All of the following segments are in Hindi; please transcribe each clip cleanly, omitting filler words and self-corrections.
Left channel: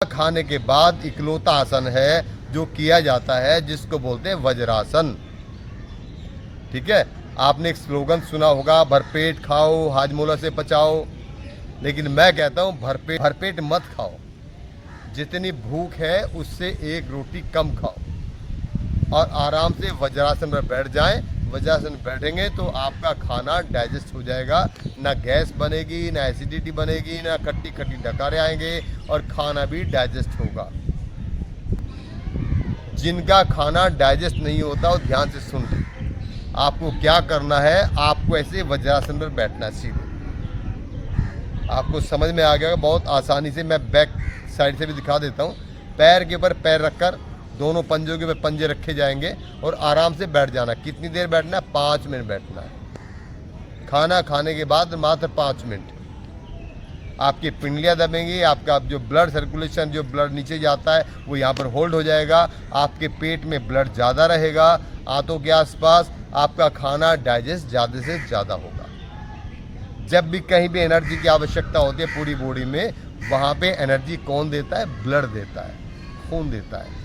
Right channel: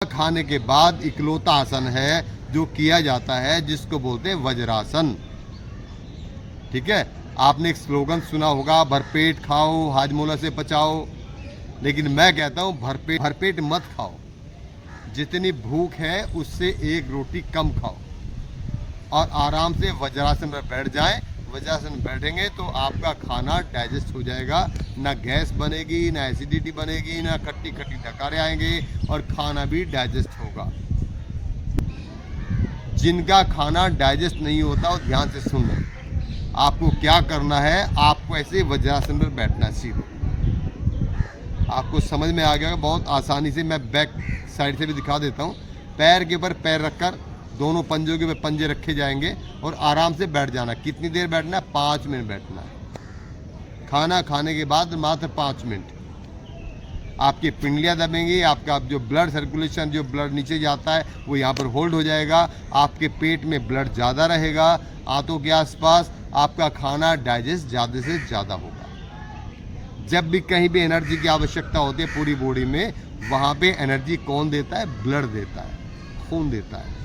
खाने के बाद इकलौता आसन है जो किया जाता है, जिसको बोलते हैं वज्रासन। ठीक है, आपने एक स्लोगन सुना होगा, भरपेट खाओ हाजमोला से बचाओ। लेकिन मैं कहता हूँ भरपेट मत खाओ, जितनी भूख है उससे एक रोटी कम खाओ और आराम से वज्रासन में बैठ जाएं। वज्रासन में बैठेंगे तो आपका खाना डाइजेस्ट हो जाएगा, ना गैस बनेगी, ना एसिडिटी बनेगी, ना खट्टी खट्टी डकारे आएंगे और खाना भी डाइजेस्ट होगा। जिनका खाना डाइजेस्ट नहीं होता वो ध्यान से सुन लो। आपको क्या करना है, आपको ऐसे वज्रासन पर बैठना है सीधे। आपको समझ में आ गया बहुत आसानी से। मैं बैक साइड से भी दिखा देता हूँ। पैर के ऊपर पैर रखकर दोनों पंजों के ऊपर पंजे रखे जाएंगे और आराम से बैठ जाना। कितनी देर बैठना है? 5 मिनट बैठना है। खाना खाने के बाद मात्र 5 मिनट। आपकी पिंडलियाँ दबेंगी, आपका जो ब्लड सर्कुलेशन, जो ब्लड नीचे जाता है वो यहाँ पर होल्ड हो जाएगा। आपके पेट में ब्लड ज़्यादा रहेगा, आंतों के आसपास आपका खाना डाइजेस्ट ज़्यादा से ज़्यादा होगा। जब भी कहीं भी एनर्जी की आवश्यकता होती है पूरी बॉडी में, वहाँ पे एनर्जी कौन देता है? ब्लड देता है, खून देता है।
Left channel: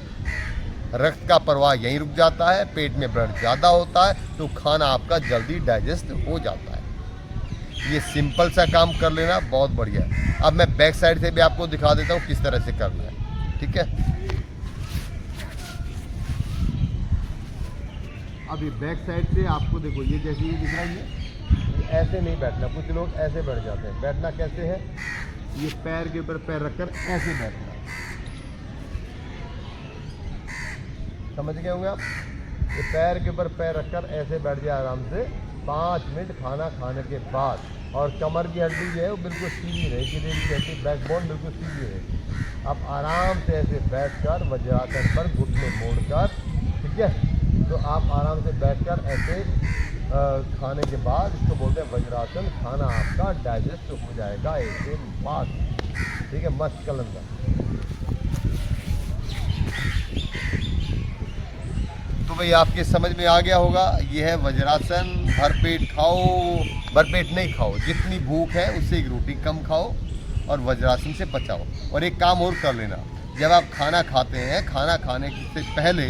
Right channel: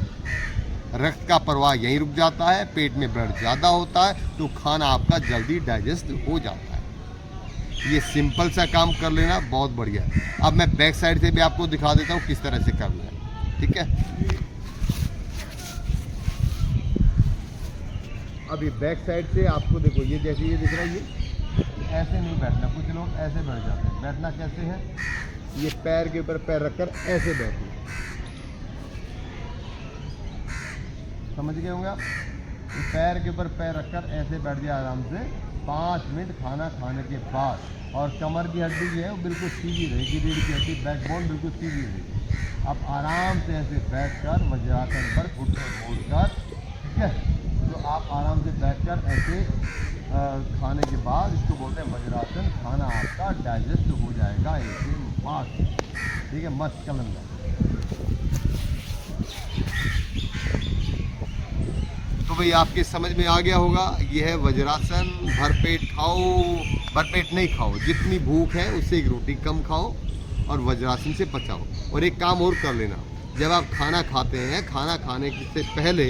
रक्त का प्रवाह यहीं रुक जाता है, पेट में ब्लड ज़्यादा होता है तो खाना आपका जल्दी डाइजेस्ट हो जाता है। ये सिंपल सा काम कर लेना बहुत बढ़िया है। अब मैं बैक साइड से भी आपको दिखा देता हूँ किस तरह से करना है। ठीक है, अब ये बैक साइड से आपको देखो, ये जैसे ये दिख रहा है, ये ऐसे नहीं बैठना। कुछ लोग ऐसे बैठ जाते हैं। बैठना कैसे है? ये पैर के ऊपर पैर रखकर ऐसे बैठना। समझ गए होंगे आप? ये पैर के ऊपर पैर रखकर ऐसे बैठ जाए आराम से 5 मिनट खाना खाने के बाद। और कमर की हड्डी जो है वो बिल्कुल सीधी रहेगी, रीढ़ की हड्डी, बैकबोन बिल्कुल सीधी रहेगी। अब आराम से ऐसे बैठकर वज्रासन पर घुटने मोड़कर, ठीक है, तो आप आराम से बैठकर ऐसे खाने के बाद, इसको बोलते हैं वज्रासन। खाना आपका डाइजेस्ट हो जाएगा एकदम फास्ट। ठीक है, मस्त कलंदर। तो भाई आपके समझ में आ गया होगा, ये है वज्रासन। भरपेट खाओ, भरपेट नहीं खाओ, जितनी भूख है उससे एक रोटी कम खाओ और वज्रासन से बचाओ। और एक काम और कर लेना, जब आप खाना खाते हैं, खाना खाने से पहले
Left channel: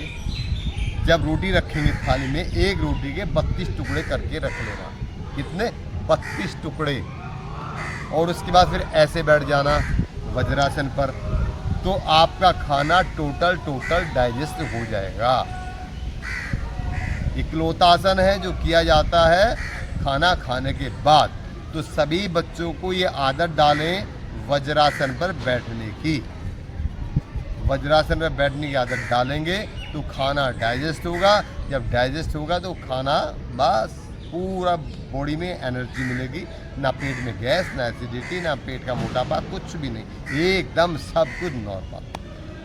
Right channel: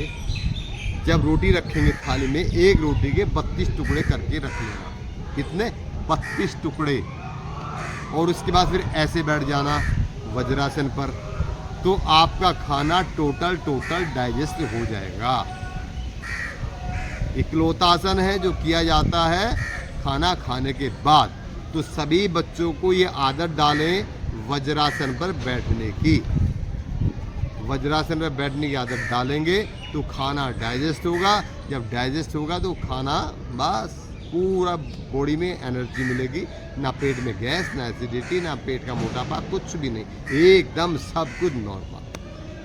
जब रोटी रखेंगे थाली में, एक रोटी के 32 टुकड़े करके रख लेना। कितने? 32 टुकड़े। और उसके बाद फिर ऐसे बैठ जाना वज्रासन पर, तो आपका खाना टोटल डाइजेस्ट हो जाएगा। इकलौता आसन है जो किया जाता है खाना खाने के बाद। तो सभी बच्चों को ये आदत डालें वज्रासन पर बैठने की। वज्रासन पर बैठने की आदत डालेंगे तो खाना डाइजेस्ट होगा। जब डाइजेस्ट होगा तो खाना बस पूरा बॉडी में एनर्जी मिलेगी, ना पेट में गैस, ना एसिडिटी, ना पेट का मोटापा, कुछ भी नहीं, एकदम सब कुछ नॉर्मल।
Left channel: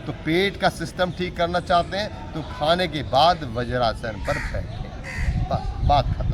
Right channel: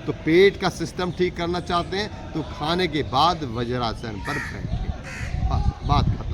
तो पेट का सिस्टम ठीक करना चाहते हैं तो खाने के बाद वज्रासन पर बैठें, बस बात खत्म।